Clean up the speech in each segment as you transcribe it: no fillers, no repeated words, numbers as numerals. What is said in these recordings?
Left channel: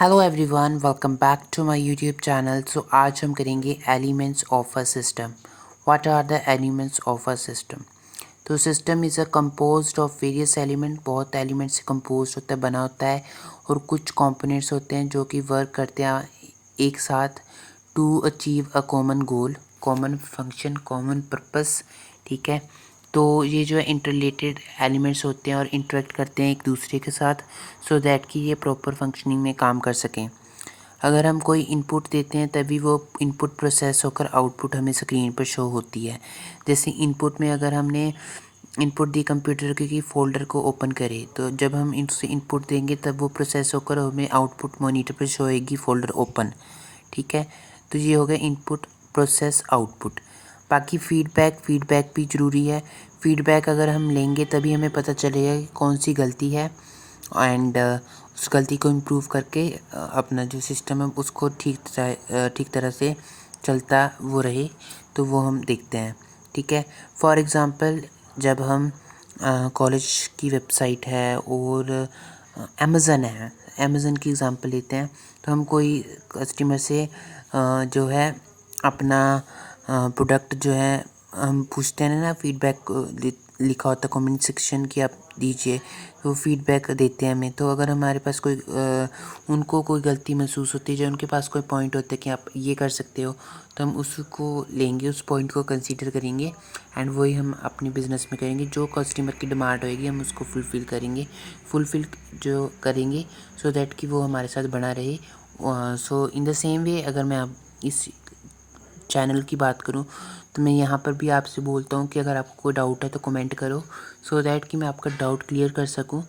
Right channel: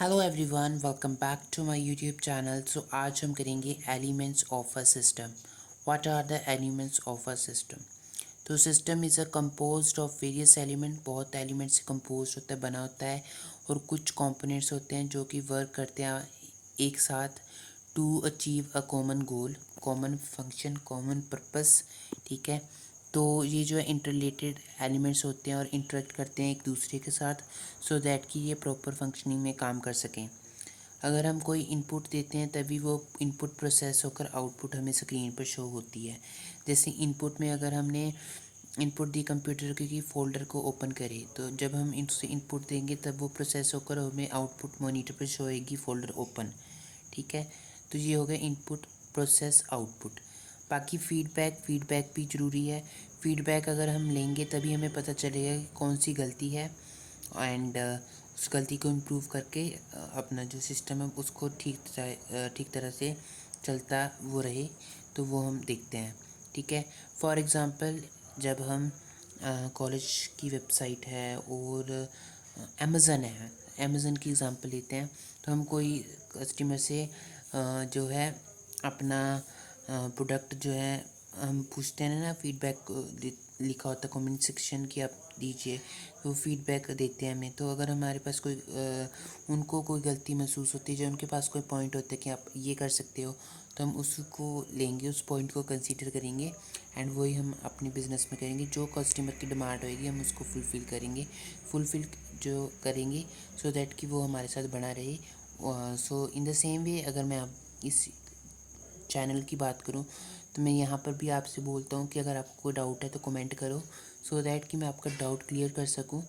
Hello everyone, welcome back to my YouTube channel. So आज हम करेंगे elements of a system. What are the elements of a system? तो system is a composed of various element, बहुत elements से compose होता है, बना होता है। और कुछ कंपोनेंट्स होते हैं जो कि वर्क करते हैं एक साथ to achieve a common goal, common function, common purpose. ठीक है, तो ये जो है इंटरलेटेड एलिमेंट्स होते हैं और इंटरेक्ट करते हैं एक दूसरे के साथ सो दैट कि ये प्रॉपर फंक्शनिंग में काम कर सकें। अगर हम कोई इनपुट देते हैं तभी वो इनपुट प्रोसेस होकर आउटपुट हमें स्क्रीन पर शो होती है। जैसे इनपुट में अगर हमने इनपुट दी कंप्यूटर की फ़ोल्डर को ओपन करें, तो जब हम इनसे इनपुट देंगे तब वो प्रोसेस होकर हमें आउटपुट मॉनिटर पर शो होएगी फ़ोल्डर ओपन। ठीक है, तो ये हो गया इनपुट प्रोसेस आउटपुट। बाकी फीडबैक भी ज़रूरी है। फीडबैक अगर हम लेंगे तभी हमें पता चलेगा कि कौन सी गलती है एंड उस गलती को इम्प्रूव करके अपना जो सिस्टम है उसको ठीक तरह से चलता वो रहे, तो वो हम देखते हैं। ठीक है, फॉर एग्ज़ाम्पल जब हम कॉलेज की वेबसाइट है और अमेज़न है, अमेज़न की एग्ज़ाम्पल लेते हैं। तो हम कोई कस्टमर से जो है अपना प्रोडक्ट जो है हम पूछते हैं ना, फीडबैक लिखा होता है कमेंट सेक्शन की आप दीजिए, तो फीडबैक देते हैं हमें। तो अगर हमारे पास कोई उनको कोई गलती महसूस होती है, जो उनके पास कोई पॉइंट होता है कि आप ये कर सकते हो, तो हम उसको लेंगे, उस पॉइंट को कंसीडर करेंगे एंड वही हम अपने बिज़नेस में करेंगे। जो कस्टमर की डिमांड होएगी हम उसको फुलफ़िल जो करेंगे सो दैट कि वो हमारे साथ बना रहे। सो इन द सेम वे अगर मैं अब इस चैनल की बात करूं तो मैं यहाँ पर भी आपसे बोलता हूँ कि अगर आपको कोई डाउट है तो कमेंट करो सो दैट कि मैं आपका डाउट क्लियर कर सकूँ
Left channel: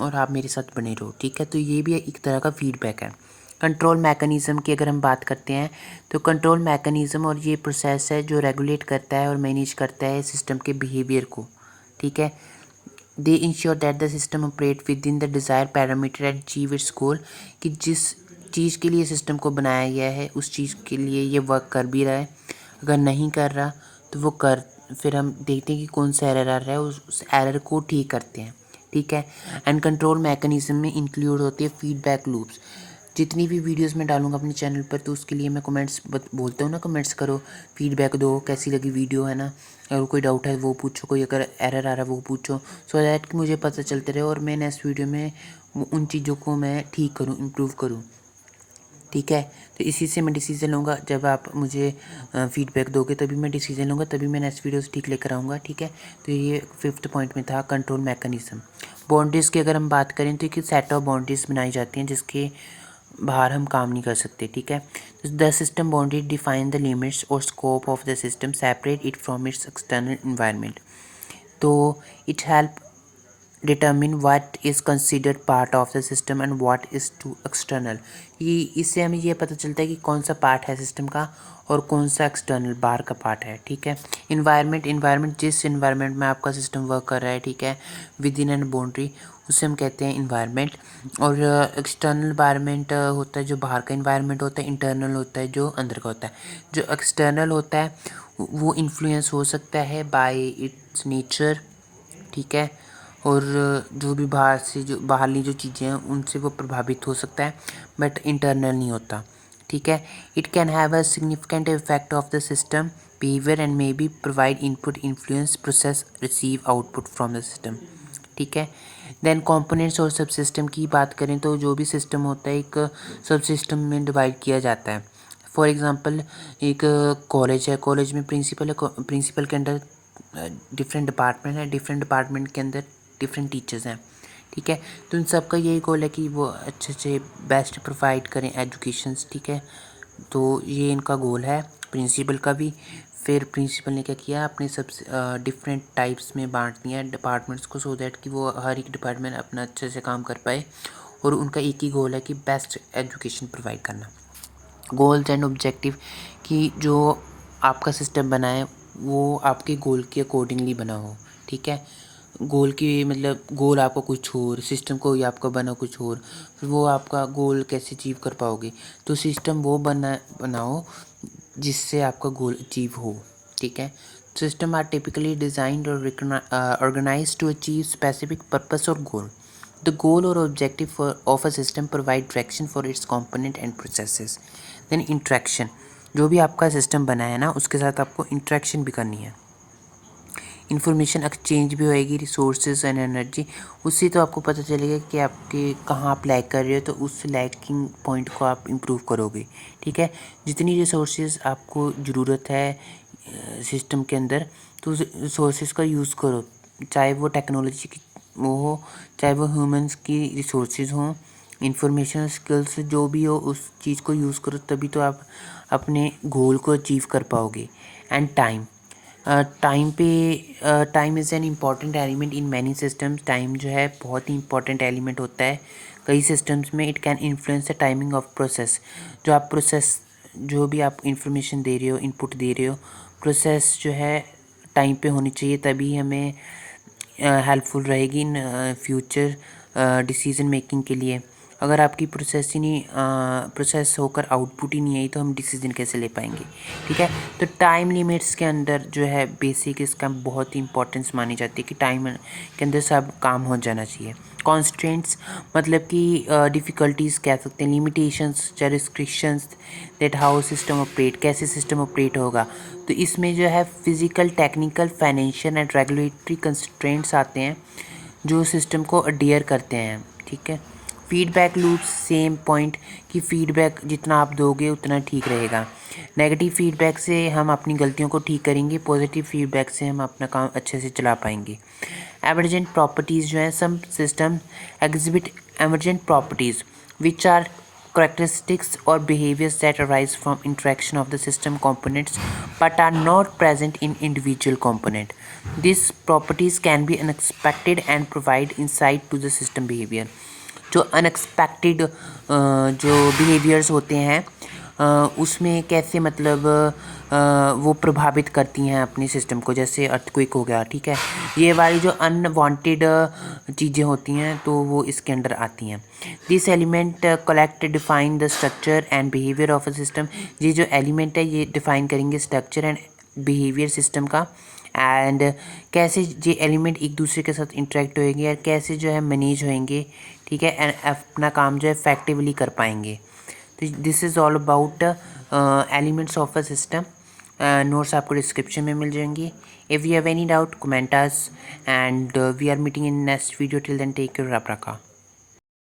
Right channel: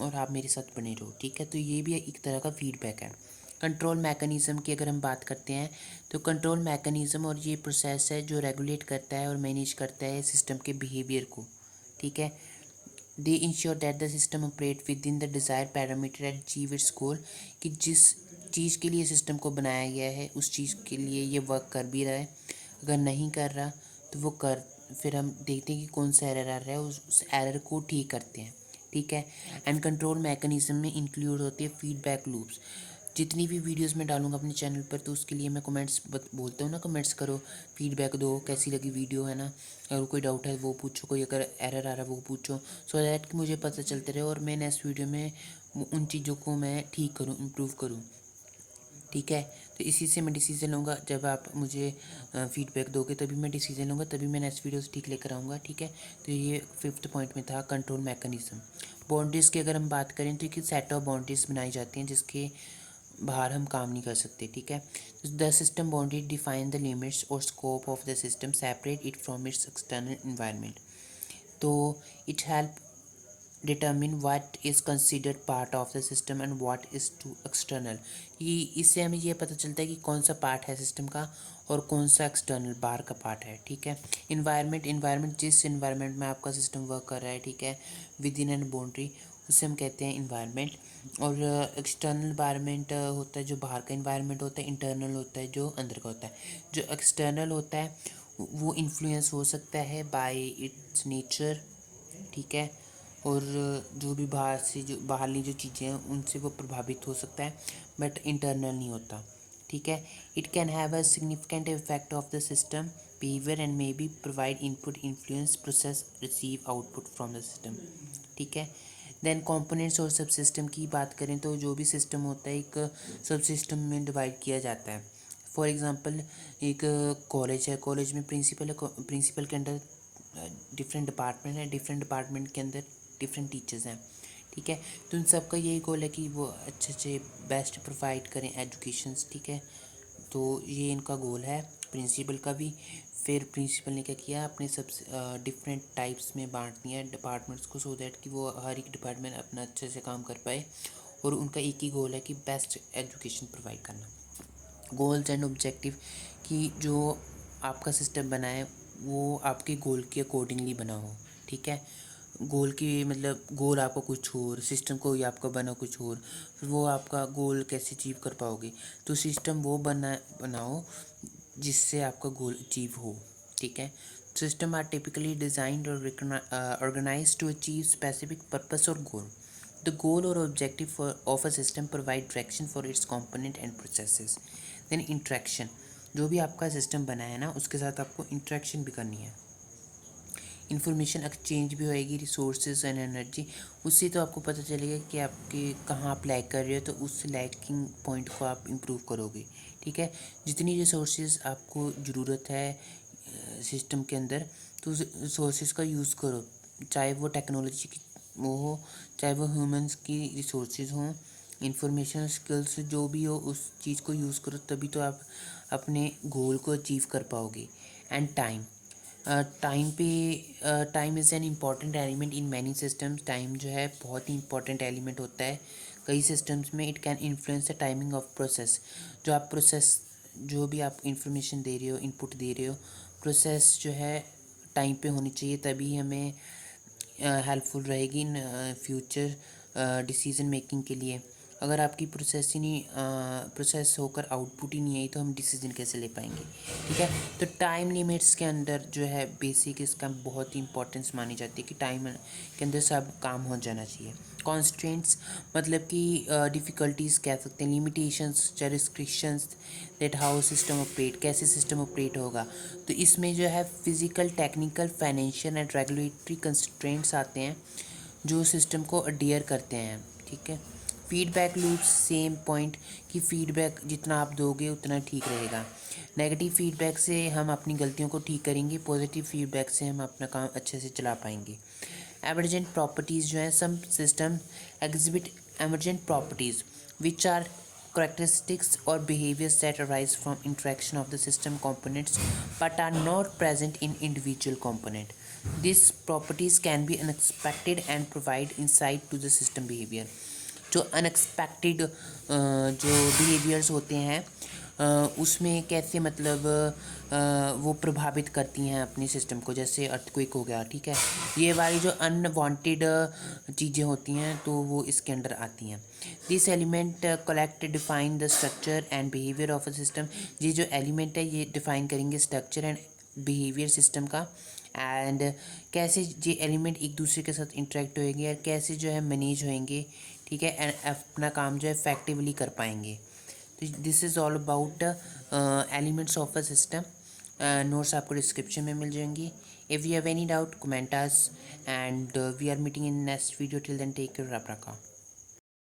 और आप मेरे साथ बने रहो। ठीक है, तो ये भी एक तरह का फीडबैक है। कंट्रोल मैकेनिज़्म की अगर हम बात करते हैं तो कंट्रोल मैकेनिज़्म और ये प्रोसेस है जो रेगुलेट करता है और मैनेज करता है सिस्टम के बिहेवियर को। ठीक है, they ensure that the system operate within the desire parameter and achieve its goal, कि जिस चीज़ के लिए सिस्टम को बनाया गया है उस चीज़ के लिए ये वर्क कर भी रहा है। अगर नहीं कर रहा तो वो कर फिर हम देखते हैं कि कौन सा एरर आ रहा है, उस एरर को ठीक करते हैं। ठीक है, एंड कंट्रोल मैकेनिज्म में इंक्लूड होती है फीडबैक लूप्स। जितनी भी वीडियोस मैं डालूंगा अपने चैनल पर तो उसके लिए मैं कमेंट्स बोलता हूँ ना, कमेंट्स करो, फीडबैक दो, कैसी लगी वीडियो, है ना। अगर कोई डाउट है वो पूछो, कोई अगर एरर आ रहा है वो पूछो, सो दैट कि मुझे पता चलते रहे और मैं नेक्स्ट वीडियो में उन चीज़ों को मैं ठीक करूँ, इम्प्रूव करूँ। ठीक है, तो इसी से मैं डिसीज़न लूँगा। जब आप मुझे फीडबैक दोगे तभी मैं डिसीज़न लूँगा, तभी मैं नेक्स्ट वीडियोस ठीक लेकर आऊँगा। ठीक है, तो ये 5th पॉइंट में था कंट्रोल मैकेनिज्म। बाउंड्रीज़ की अगर हम बात करें तो एक सेट ऑफ बाउंड्रीज़ बनाई जाती हैं जिसके बाहर हम काम नहीं कर सकते। ठीक है, the system boundary define the limits और scope of the system, separate it from its external environment. तो it help determine what is considered part of the system and what is to external. ये इससे हमें ये पता चलता है कि कौन सा पार्ट है सिस्टम का और कौन सा एक्सटर्नल बाहर का पार्ट है। ठीक है, इन्वायरमेंट जिस इन्वायरमेंट में आपका सिस्टम वर्क कर रहा है, ठीक है, विद इन एंड बाउंड्री, उसे हम कहते हैं इन्वायरमेंट। और एक्सटर्नल इन्वायरमेंट होता है जो बाहर का इन्वायरमेंट होता है, इंटरनल होता है जो अंदर का होता है। जो एक्सटर्नल होता है वो इन्फ्लुएंस हो सकता है बाय इट्स नेचर। ठीक है, और जो भी बाहर से जो बाहरली जो चीज़ें हैं उनसे वो प्रभावित हो सकता है, बट इंटरनल नहीं होता। ठीक है, it can have a significant effect of the system behaviour and may be provide input influence process receive output from the system. ठीक है, देन कंपोनेंट्स और सब सिस्टम की बात करें तो जो भी सिस्टम होता है एक सब सिस्टम में डिवाइड किया जाता है। फॉर एग्ज़ाम्पल एक कॉलेज है, कॉलेज में प्रिंसिपल है, प्रिंसिपल के अंडर डिफरेंट डिपार्टमेंट है, डिफरेंट डिपार्टमेंट के अंदर डिफरेंट टीचर्स हैं। ठीक है, तो इन सब का यही गोल है कि वो अच्छे से बेस्ट प्रोवाइड करें एजुकेशंस। ठीक है, तो ये इनका गोल है प्रिंसिपल का भी। फिर प्रिंसिपल ने क्या किया, अपने सब डिफरेंट टाइप्स में बांट दिया डिपार्टमेंट्स को सो दैट कि वो हर एक डिपार्टमेंट अपना अच्छे से काम कर पाए और उनका एक ही गोल है कि बेस्ट एजुकेशन प्रोवाइड करना। गोल्स एंड ऑब्जेक्टिव कि जो आपका सिस्टम बना है वो आपके गोल के अकॉर्डिंगली बना हो। ठीक है, गोल की मतलब गोल आपका कुछ और, सिस्टम को ही आपका बना कुछ और, फिर वो आपका गोल कैसे अचीव कर पाओगे। तो सिस्टम वो बनाओ जिससे आपका गोल अचीव हो। ठीक है, सिस्टम आर टिपिकली डिजाइंड और organize to achieve specific purpose और goal. The goal or objective of a system provide direction for its component and processes. Then interaction, जो भी आपका सिस्टम बना है ना उसके साथ आपको इंट्रैक्शन भी करनी है, इन्फॉर्मेशन एक्सचेंज भी होएगी, रिसोर्सेज एंड एनर्जी। उससे तो आपको पता चलेगा कि आपके कहाँ आप लैग कर रहे हो, तो उस लैगिंग पॉइंट को आप इम्प्रूव करोगे। ठीक है, जितनी रिसोर्सेज आपको ज़रूरत है सिस्टम के अंदर, तो उस रिसोर्सेज का यूज़ करो, चाहे वो टेक्नोलॉजी की वो हो, चाहे वो ह्यूमंस की रिसोर्सेज हों, इंफॉर्मेशन स्किल्स जो भी हो, उस चीज़ को यूज़ करो, तभी तो आप अपने गोल को अचीव कर पाओगे। And time, time is an important element in many systems. Time जो है बहुत ही इंपॉर्टेंट एलिमेंट होता है कई सिस्टम्स में। It can influence the timing of process, जो आप प्रोसेस जो भी आप इंफॉर्मेशन दे रहे हो, इनपुट दे रहे हो, प्रोसेस जो है टाइम पे होनी चाहिए, तभी हमें हेल्पफुल रहेगी इन फ्यूचर डिसीजन मेकिंग के लिए। अगर आपकी प्रोसेस ही नहीं प्रोसेस होकर आउटपुट ही नहीं आई तो हम डिसीजन कैसे ले पाएंगे। ठीक है, तो टाइम लिमिट्स के अंदर जो है बेसिक इसका बहुत ही इंपॉर्टेंस मानी जाती है कि टाइम के अंदर सब काम हो जाना चाहिए। कॉन्स्टेंट्स मतलब कि डिफ़िकल्टीज़ कह सकते हैं, लिमिटेशंस या restrictions, that how system operate, कैसे सिस्टम ऑपरेट होगा। तो इसमें जो है physical, technical, financial and regulatory constraints आते हैं जो सिस्टम को अडेयर करते हैं। ठीक है, फीडबैक लूप्स, सेम पॉइंट कि फीडबैक जितना आप दोगे उतना ठीक रहेगा। नेगेटिव फीडबैक से हम अपनी गलतियों को ठीक करेंगे, पॉजिटिव फीडबैक से हम अपना काम अच्छे से चला पाएंगे। एमरजेंट प्रॉपर्टीज़ जो है, some system exhibit emergent properties which are characteristics or behaviors that arise from interaction of the system components but are not present in individual component. These properties can be unexpected and provide insight to the system behavior. जो unexpected जो behaviours होते हैं उसमें कैसे मतलब वो प्रभावित करती हैं अपने सिस्टम को, जैसे अर्थक्वेक हो गया। ठीक है, ये वाली जो अनवांटेड चीज़ें होती हैं तो वो इसके अंडर आती हैं। This element collect define the structure and behaviour of a system. ये जो एलिमेंट है ये डिफाइन करेंगे स्ट्रक्चर एंड बिहेवियर सिस्टम का, एंड कैसे ये एलिमेंट एक दूसरे के साथ इंटरेक्ट होएंगे और कैसे जो है मैनेज होएंगे। ठीक है, एंड अपना काम जो है इफेक्टिवली कर पाएंगे। तो this is all about elements of a system. Notes आपको डिस्क्रिप्शन में मिल जाएंगी। If you have any doubt comment us, and we are meeting in next video. Till then take care, रब रखा।